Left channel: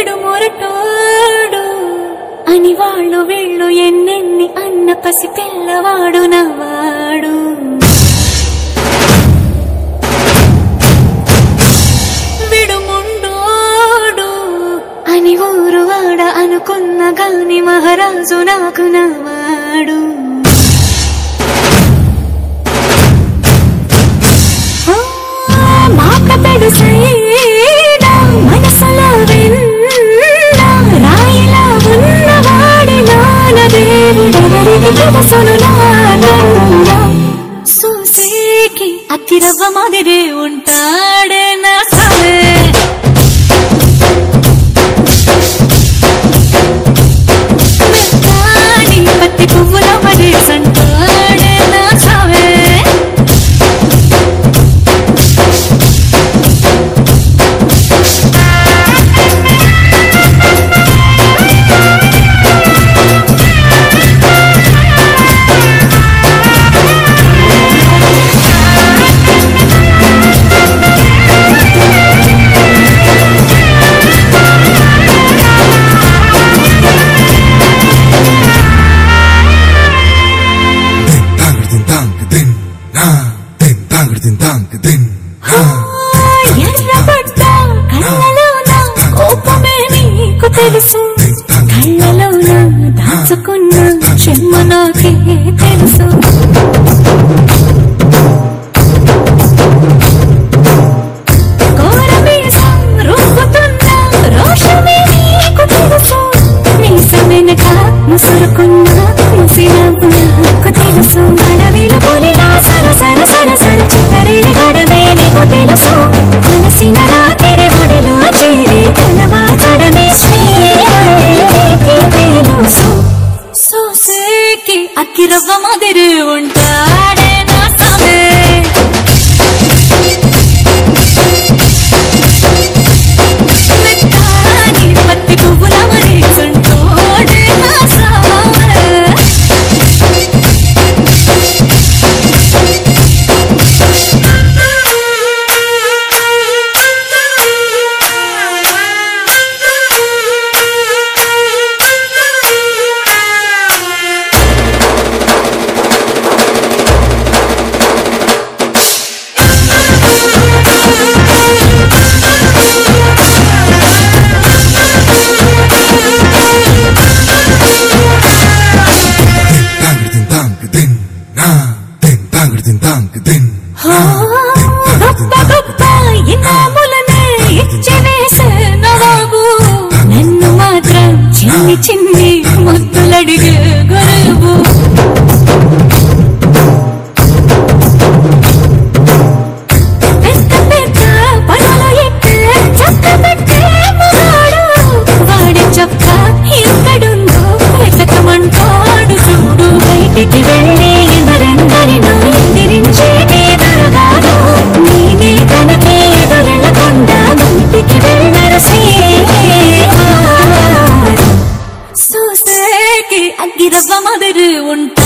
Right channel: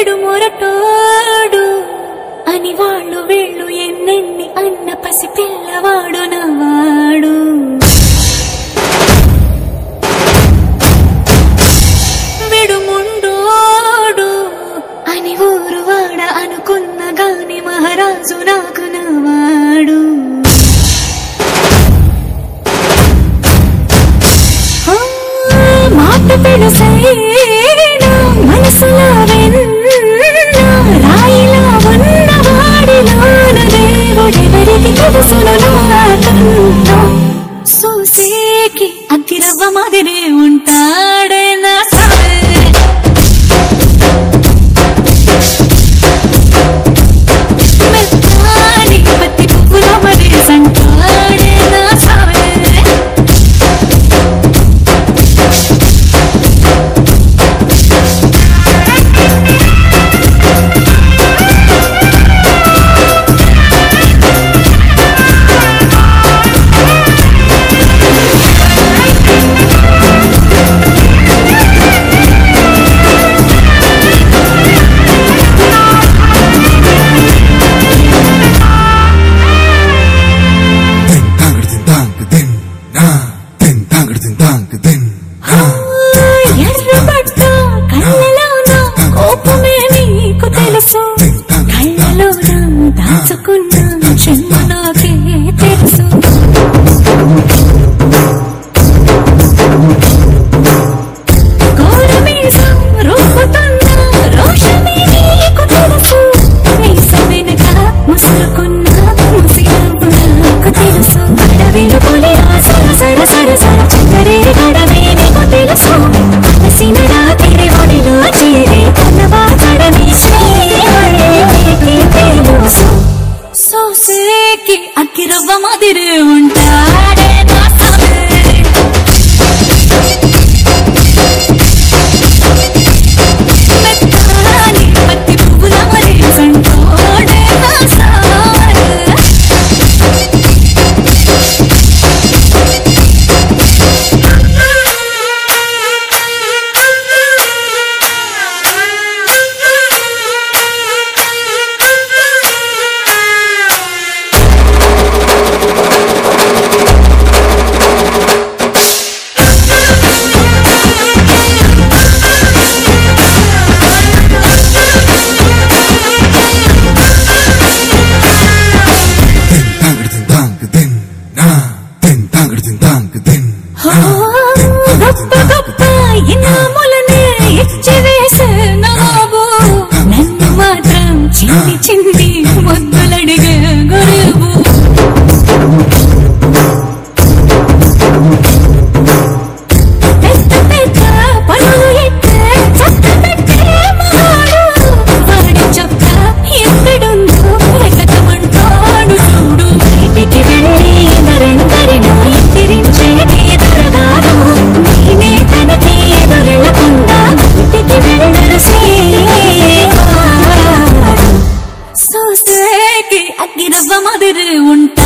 విడు మొరటోడు అని వాళ్ళు వీళ్ళు ఎన్నెన్ని అన్న పసి పిల్లవాడు నవ్వాడు. విడు ముండోడు అని ఊరు వాడ అనుకున్న గాని మహారాజు నాకు నవ్వాడు. మాట పెడుసైనా మనసులో వెన్న రాయిలా ఉన్నవాడిలోన దేవుడెవరికి తెలుసును నాకన్నా. సూసేకి అగ్గిరవ్వ మాదిరి ఉంటాడే నా సావే. మెత్తాని పత్తి పువ్వుల మరి సంటాడే నా సావే. ఎర్రబడ్డ కళ్ళలోన కోపమే నీకు తెలుసు, కళ్ళలోన దాచుకున్న చెమ్మ నాకే తెలుసు. కోరమీసం రుక్కుతున్న రోషమే నీకు తెలుసు, మీసమెనక ముసురుకున్న ముసినవ్వు నాకు తెలుసు. అడవిలు పులిలా సర సర సర సర చివరి గడమే నీకు తెలుసు. అలసిన రాత్రి ఒడిలో చేరి తలవాచడమే శ్రీకి తెలుసు. సోసేకి అగ్గిరవ్వ మాదిరి ఉంటాడే నా సామే. మెత్తాని పత్తి పువ్వుల మరి సంటోడే నా సామే. గొప్ప గొప్ప ఇనాములనే ఇచ్చి వేసే నవాబు, నన్ను మాత్రం చిన్ని చిన్ని ముద్దులడిగే గరీబు. పెద్ద పెద్ద పనులు ఎట్టే చక్క పెట్టే మగాడు, వాడి చొక్క ఎక్కడుందో వెతకమంటాడు చూడు. బయటికి వెళ్ళి ఇద్దరెందరినో ఎదిరించేది దొరగారు, నేనే తనకి ఎదురెళ్ళకుండా బయటికి వెళ్ళరు శ్రీవారు. సోసేకి అగ్గిరవ్వ మాదిరి ఉంటా